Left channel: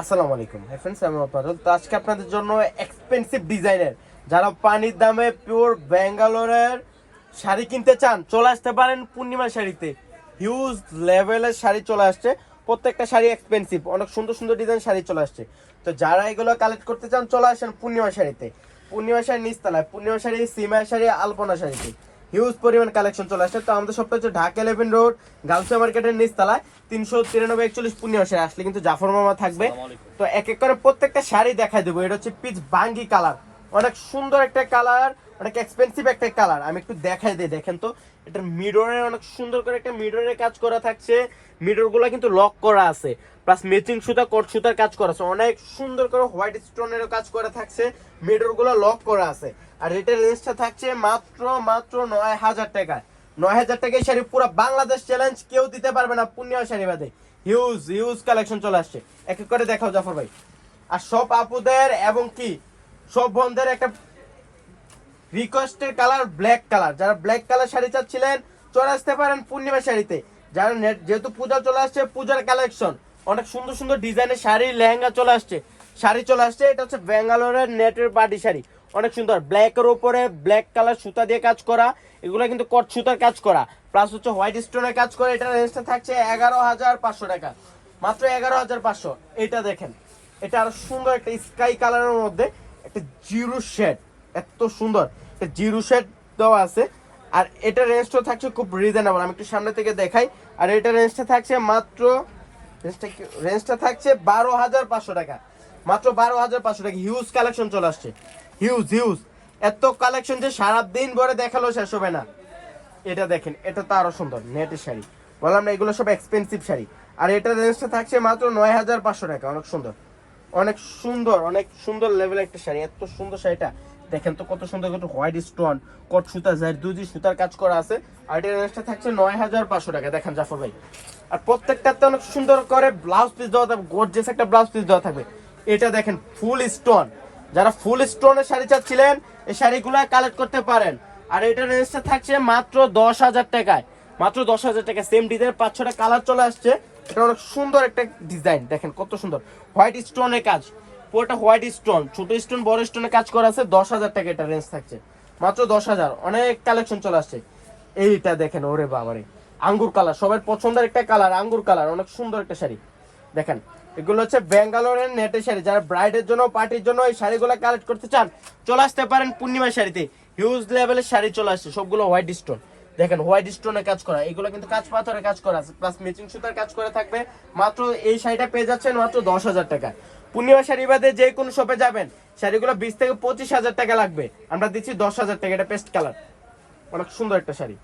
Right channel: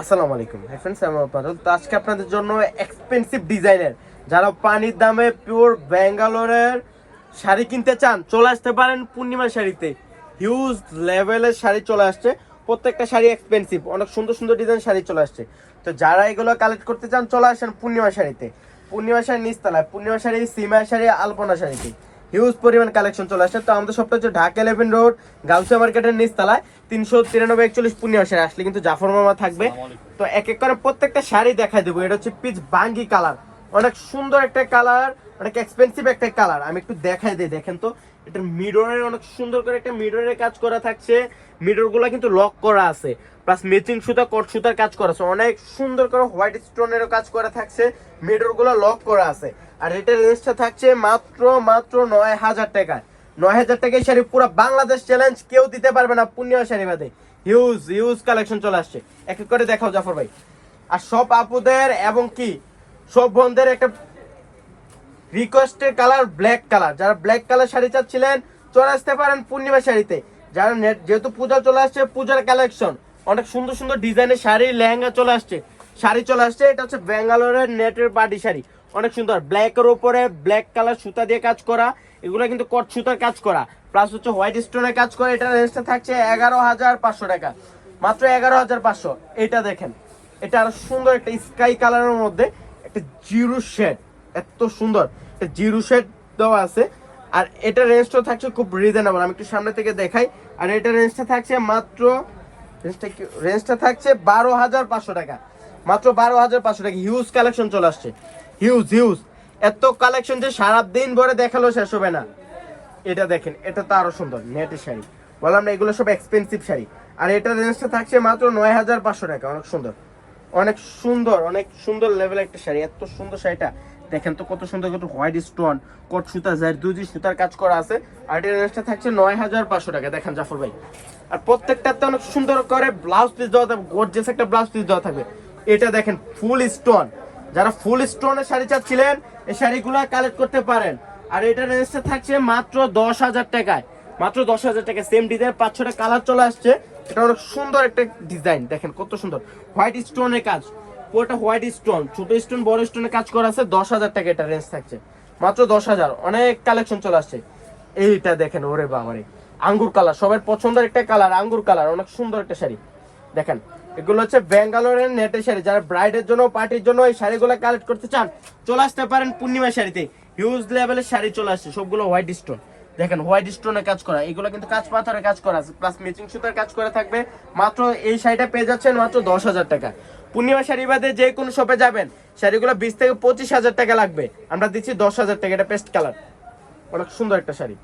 আসসালামু আলাইকুম ফ্রেন্ডস, আমি পারুল। তো আজকে আপনাদের জন্য এক্সপেন্সিভ ডিজাইনের যারা পানির দামে পিওর ব্যাঙ্গালোরের শাড়ি কিনতে চান চলে আসতে পারেন পূর্ণিমা শাড়িতে। হিউজ লেভেলের শাড়ি চলে আসছে, প্রত্যেকটা শাড়ি এক্সপেন্সিভ, অনেক সুন্দর সুন্দর ডিজাইন শাড়ি চলে আসছে। তো যারা এগুলো কালেক্ট করতে চান চলে আসেন পূর্ণিমা শাড়িতে। পূর্ণিমা শাড়ি নিচতলায়, পূর্ণিমা শাড়ি, সিমা শাড়ি, আলপনা শাড়িতে হিউজ পরিমাণ কালেকশন চলে আসছে। তো আমাদের সবটা হচ্ছে ঢাকা 11 রোড গাউসিয়া মার্কেটের নিচতলায় 393 41 পূর্ণিমা শাড়ি। আসলে কিন্তু জাফর মামা থাকবে। তো এক এক করে প্রত্যেকটা শাড়ি দেখাই দেবো। এটা হচ্ছে পিচ বাঙ্গি কালার, অনেক সুন্দর একটা কালার, অনেক এক্সপেন্সিভ একটা কালার। আমি একটু দেখাই দিই, দেখেন তো। এটা মিররের অনেক সুন্দর করে একটা মিররের কাজ করা থাকছে। মিরর গুলা কিন্তু লক করা আছে, প্লাস ম্যাচিং সুতা, কট সুতার কাজ করা আছে। অনেক সুন্দর করে হোয়াইট স্টোনের কাজ করা থাকছে, মিরর গুলো লক করা আছে। আর এটার রেঞ্জটা থাকছে মাত্র 9,000 টাকায়। 9,000 টাকায় শাড়ি পুরো বাংলাদেশ চ্যালেঞ্জ, কেউ দিতে পারবে না পূর্ণিমা শাড়ি বাদে। হিউজ হিউজ কালেকশন চলে আসছে, এক এক করে দেখাও জাফর ভাই। আর সব আপুদের এবং কি সব বোনদের একটা রিকোয়েস্টের কালার ব্ল্যাক কালার। যারা ব্ল্যাক কালার শাড়ি চাচ্ছিলেন চলে আসতে পারেন পূর্ণিমা শাড়িতে। যারা যেহেতু পূজা চলে আসছে, পূজার কালেকশন অনেক সুন্দর সুন্দর ডিজাইনের শাড়ি, লেহেঙ্গা চলে আসছে, শাড়ি চলে আসছে। এটা হচ্ছে ব্যাঙ্গালোরের নেটের পার্টি শাড়ি, অনেক সুন্দর। ব্ল্যাকের উপরে ব্ল্যাক কালার সুতা দিয়ে কাজ করা, এগুলো কিন্তু কট সুতার কাজ করা, প্লাস হচ্ছে হোয়াইট স্টোনের কাজ করা। এটা রেঞ্জটা থাকছে 11,500 টাকা, মাত্র 11,500। এটা দেখেন, এটা আরো সুন্দর একটা স্কাই কালারের মধ্যে একটা জিরো শেড, এত সুন্দর জিরো শেড দেওয়া আছে। আর এটা রেঞ্জটা থাকছে খুব রিজনেবল, আমি একটু সামনে থেকে দেখাই। আর এটা রেঞ্জটা থাকছে মাত্র রেঞ্জটা থাকছে 12,500 টাকা, মাত্র 12,500 টাকা। হিউজ কালেকশন চলে আসছে, হিউজ হিউজ এত কালেকশন যে সারাদিন ভরে দেখালো শেষ হবে না। এটা দেখেন, এটা তো আরো সুন্দর নেটের শাড়ি, বললাম না এগুলো সব এক্সপেন্সিভ শাড়ি। আর এটা রেঞ্জটা থাকছে মাত্র 9,500 টাকা, অনেক সুন্দর, অনেক সুন্দর, অনেক সুন্দর লেভেল একটা শাড়ি। এত সুন্দর শাড়িটা দেখেন তো, কত সুন্দর কত হোয়াইট স্টোন, কট সুতা, জারদুজি সুতার কাজ করা আছে। আর এটার রেঞ্জটা থাকছে 9,500 টাকা। দেখেন জাফর ভাই, আর প্রত্যেকটাতে অনেক সুন্দর করে ব্লাউজ পিস দেওয়া থাকবে, গর্জিয়াস একটা ব্লাউজ পিস দেওয়া থাকবে। এটা দেখেন ফুল স্টোন, যারা ফুল স্টোনের শাড়ি চাচ্ছিলেন এই শাড়িগুলো কালেক্ট করতে পারেন। আর এটার রেঞ্জটা থাকছে মাত্র 10,000 টাকায়, মাত্র 10,000 টাকা। সেম ডিজাইন 5-6টা কালার চলে আসছে। এটা অনেক সুন্দর একটা ডিজাইন, দেখেন কত সুন্দর হোয়াইট স্টোনের কাজ, পুরোটা হোয়াইট স্টোন, ছোট স্টোন বড় স্টোনের কাজ করা আছে। 10,000 টাকা এটা রেঞ্জ থাকছে, মাত্র 10,000। অনেক কালেকশন চলে আসছে। এইটা দেখেন, ওরে বাবারে, আঙ্গুর কালার, সবার পছন্দের একটা কালার, আঙ্গুর কালার, অনেক সুন্দর একটা শাড়ি। দেখেন এগুলো হচ্ছে ব্যাঙ্গালোরের নেটের শাড়ি। যারা ব্রাইডের জন্য, পার্টির জন্য এই শাড়িগুলো কালেক্ট করতে চান চলে আসতে পারেন পূর্ণিমা শাড়িতে। হিউজ লেভেলের শাড়ি চলে আসছে, সবগুলো হোয়াইট স্টোন। দেখেন হোয়াইট স্টোনের কাজ করা, এগুলো কিন্তু কাঁচ পাথরের কাজ করা আছে, প্লাস ম্যাচিং সুতার কাজ করা থাকবে। মাত্র এই শাড়িটা পেয়ে যাচ্ছেন মাত্র 10,000 টাকা। পূর্ণিমা শাড়ি বাদে যে কোনো শপে যাবেন শাড়িগুলো 20 থেকে 25,000 টাকা লাগবে, আমরা দিচ্ছি 10,000 টাকা। এটা পেস্ট কালার, অনেক সুন্দর একটা শাড়ি,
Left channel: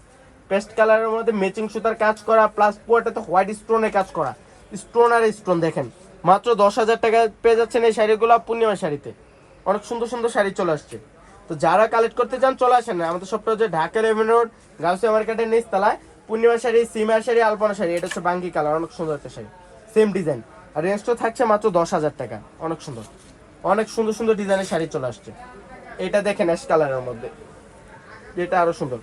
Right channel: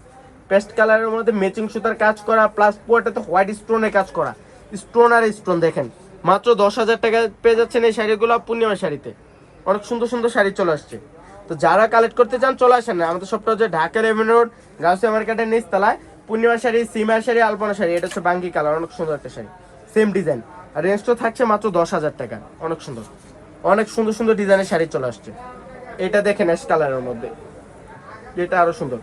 পেস্ট কালারের মধ্যে ম্যাচিং সুতার কাজ করা, প্লাস পুরোটাতে হোয়াইট স্টোনের কাজ করা, স্টোন আর স্টোন। দেখেন মাত্র 10,000 টাকায় পেয়ে যাচ্ছেন এই শাড়িগুলো পূর্ণিমা শাড়িতে। অনেক সুন্দর সুন্দর শাড়ি চলে আসছে। তো যারা কালেক্ট করতে চান চলে আসেন না, আমাদের সবটা হচ্ছে ঢাকা 11 রোড গাউসিয়া মার্কেটের নিচতলায়। পূর্ণিমা শাড়ি, সিমার শাড়ি, আলপনা শাড়ি। এটা হচ্ছে বাঙ্গি কালার, অনেক সুন্দর একটা শাড়ি, সেম ডিজাইন। আর রেঞ্জটা থাকছে মাত্র 10,000 টাকা। অনেক সুন্দর, অনেক সুন্দর সুন্দর ডিজাইনের শাড়ি চলে আসছে। এটা দেখেন অ্যাশ কালারের মধ্যে, এটা আরো সুন্দর,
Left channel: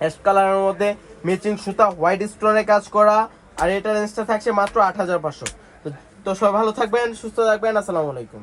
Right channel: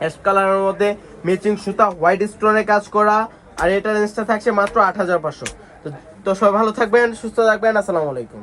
অ্যাশ কালারের মধ্যে ম্যাচিং সুতা, হোয়াইট স্টোনের কাজ করা। আর এটা রেঞ্জটা থাকছে মাত্র 8,500। তো সবাই ভালো থাকবেন, সুস্থ থাকবেন। আসসালামু আলাইকুম।